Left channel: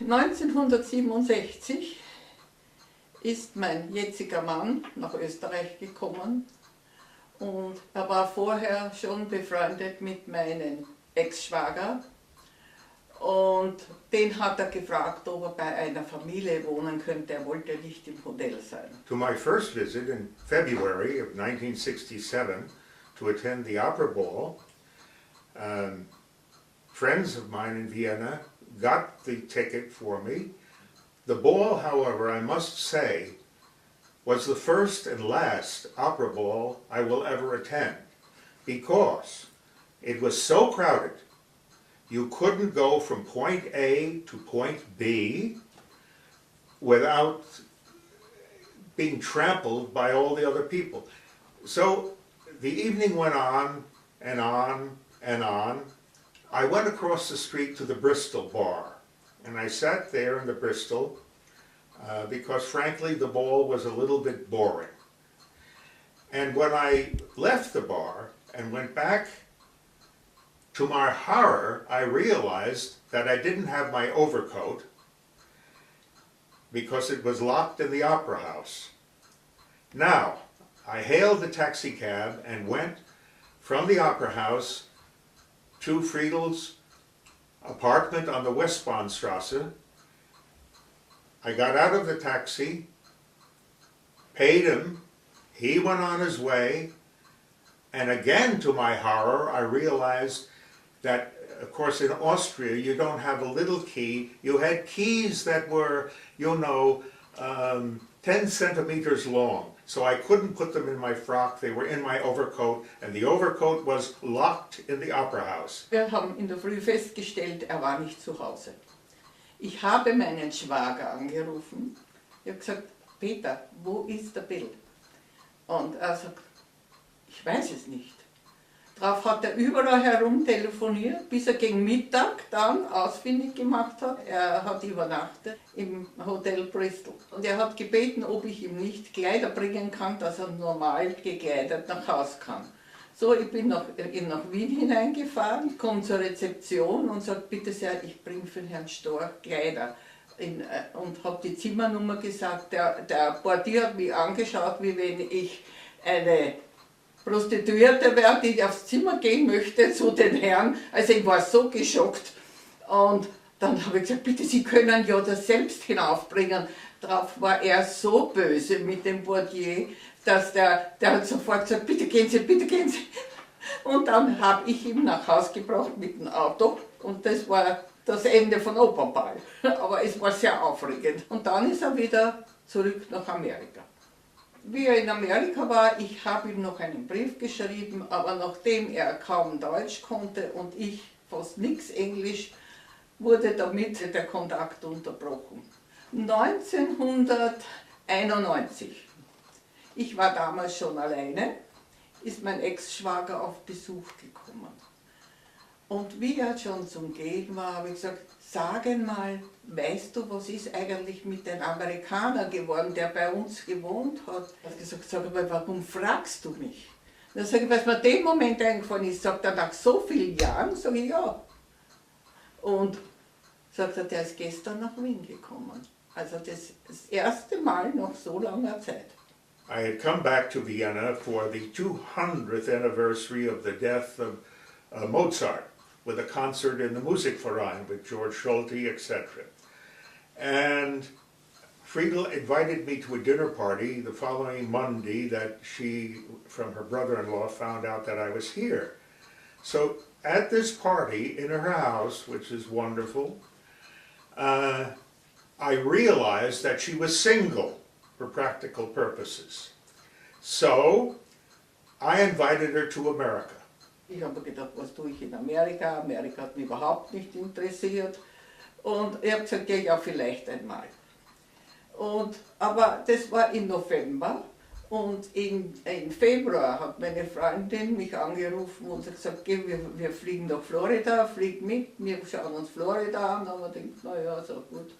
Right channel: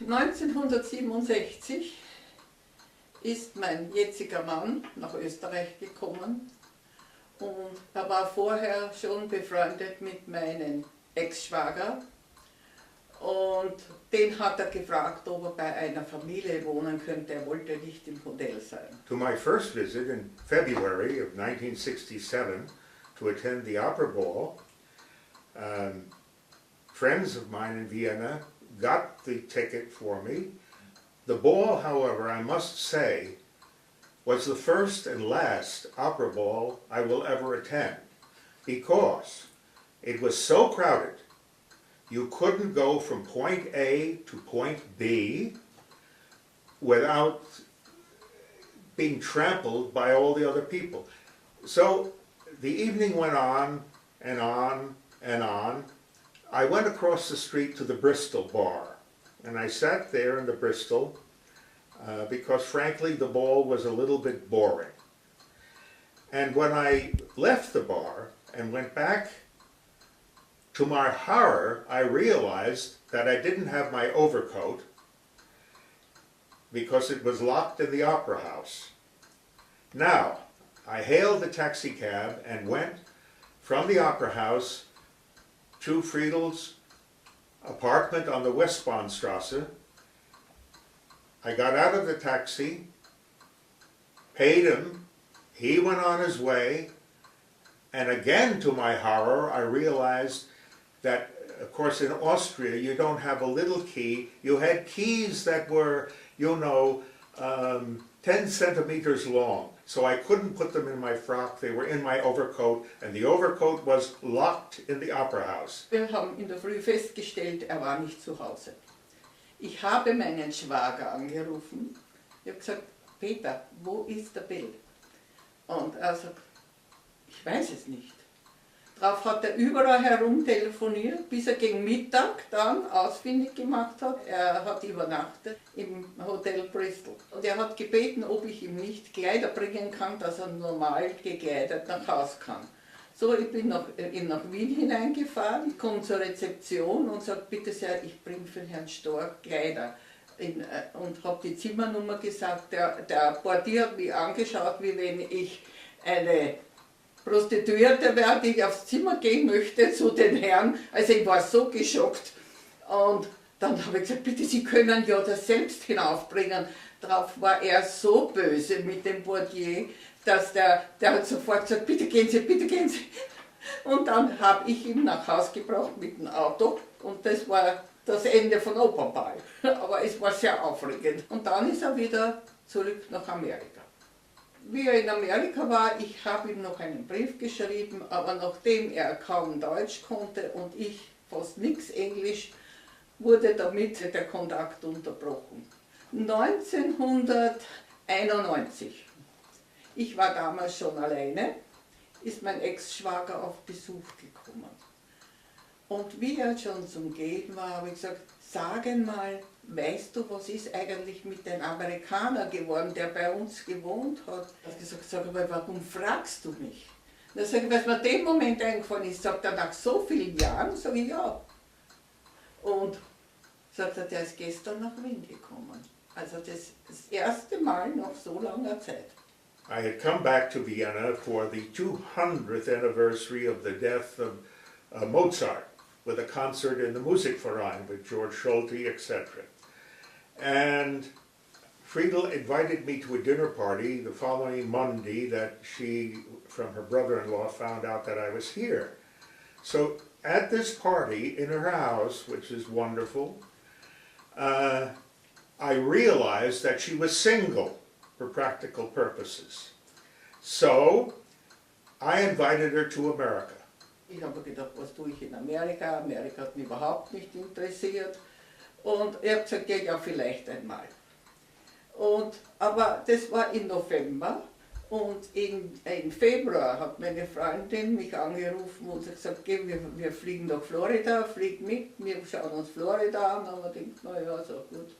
1967 ist mein jetziger Mann nach Österreich gekommen und er war vorher schon befreundet mit meinem Ex-Schwager und den hat er gefragt, ob er bei einer Familie wohnen könnte, er wollte nicht im Hotel sein. To my first visit in February of 1967 to attend the opera ball, friends of mine in Vienna got the ticket for me. The ball, however, I must say, was the first and last opera ball I will ever attend, because it was so crowded. You couldn't go from point A to point B without being trampled by all the other people. So the evening went on and on and on. I went across the street to the Bristol bar, and I sat there in the Bristol because frankly the ball was a little bit boring. And when I left the bar and went back, to my horror, I realized that I didn't have my overcoat because it was locked in the opera house. Now, I hailed the taxi cab and went from the opera house to Friedel's apartment on the Westbahnstrasse. I got out of the taxi, paid him, he went on his way, and again to my horror I realized that, of course, in Austria you don't have a little key. You had keys that were, 10 centimeters long. So I couldn't put them in my frock, they were in my overcoat, and the overcoat was locked in the opera house. Wir haben in der Früh festgestellt, er war nicht zu Hause. Ich habe meinen Schwager angerufen. Ich habe gesagt, Peter, wo ist der Bill? Und er sagt, ich weiß es nicht. Darauf hat er überall herum telefoniert, bis er gegen Mittag dann ausfindig gemacht hat. Er hat übernachtet im Hotel Bristol. Und er hat gebeten, ob ich ihm nicht Kleider bringen kann, dass er normal gekleidet nach Hause kann. So, ich bin nach Wien hineingefahren, komme zur Rezeption und sage, bitte sehr, ich bringe für Herrn Storch Kleider. Und habe die Zimmernummer gesagt. Der Portier hat mich angeschaut, wie wenn ich eine Prostituierte wäre, die aufs Zimmer gehen möchte zu den Herren. Also ich war so geschockt. Und dann habe ich gesagt, bitte, Sie können ja das selbst hinaufbringen. Darauf war er so böse mit dem Portier, dass der hat sofort gesagt, bitte gehen Sie, bitte gehen Sie. Und dann habe ich ihn nach Hause gebracht mit dem Auto. Und das war das Ende von Opernball. Aber es war sehr aufregend. Und dann ist er wieder zurück nach Amerika. Wie er in Amerika war, ich habe ihm noch einen Brief geschrieben, aber nachdem er kaum Deutsch konnte und ich fast nichts Englisch, wurde damit der Kontakt unterbrochen. 1991, ich war damals schon alleine, ist mein Ex-Schwager auf Besuch gekommen. Und wie er schon zum Gehen war, habe ich gesagt, sagen mal, weißt du, was ist eigentlich mit dem Amerikaner geworden, der bei uns gewohnt hat? Er hat gesagt, sag mal, warum fragst du mich? Dann sage ich, weil es mir dem Moment eingefallen ist, sagt er, nach so vielen Jahren, sage ich, ja. Und sagt er, der ist gestern nach Wien gekommen. Also das erste Mal nach so langer Zeit. I had come back to Vienna for the 200th anniversary of the death of Mozart, with a concert in the Musikverein with George Schulte, etc. And Friedel invited me to a dinner party the following Monday that she, from her brother-in-law, found out that I was here. So at this party in her house, which is wonderful, I realized that she was single for practical purposes. So I invited her to America. Ich habe gedacht, was tue ich in Amerika? Amerika hat mich überhaupt nicht interessiert. Und ich habe gesagt, ja, vielleicht einmal. Aber das war im November und im Februar hat meine Freundin mich angerufen und gesagt, wir fliegen nach Florida, flieg mit, wir schauen uns Florida an. Aber ich denke, naja, so gut,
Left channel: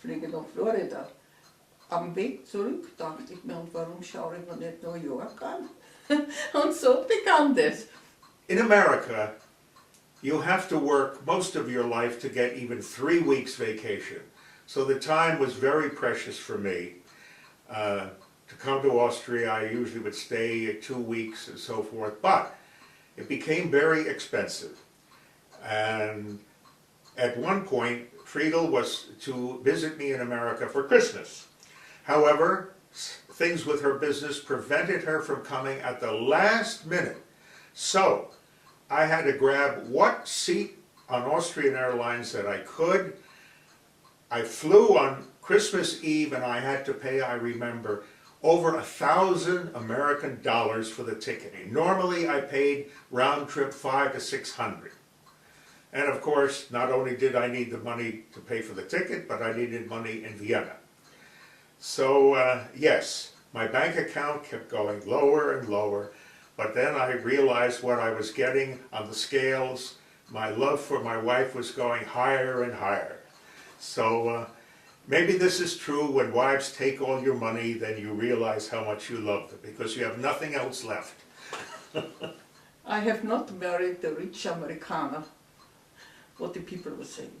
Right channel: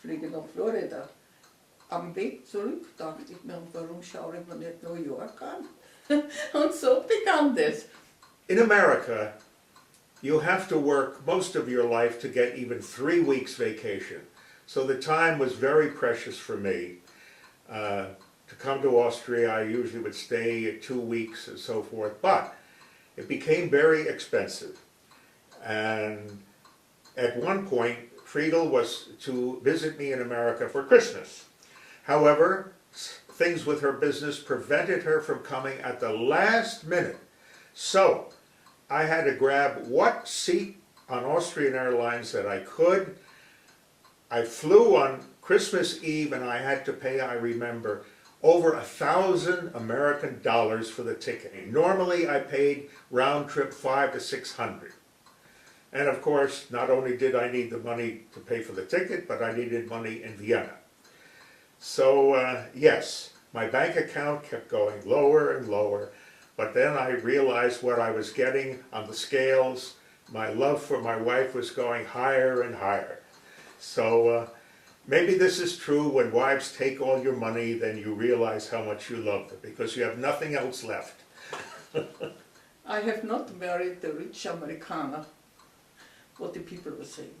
fliege nach Florida. Am Weg zurück dachte ich mir, und warum schaue ich mir nicht New York an? Und so begann das. In America, you have to work most of your life to get even 3 weeks vacation. So the time was very precious for me. To come to Austria, I usually would stay 2 weeks and so forth, but it became very expensive. And at one point, Friedel was to visit me in America for Christmas. However, things with her business prevented her from coming at the last minute. So I had to grab what seat on Austrian Airlines that I could. I flew on Christmas Eve and I had to pay, I remember, over $1,000 American dollars for the ticket. Normally I paid round trip $500 to $600. And of course, not only did I need the money to pay for the ticket, but I needed money in Vienna. So yes, my bank account kept going lower and lower, but then I realized what I was getting on the scales. My love for my wife was going higher and higher. So maybe this is true: when wives take all your money, then you realize how much you love them, because you have nothing else left. I have not married the rich Amerikaner, what the people were saying.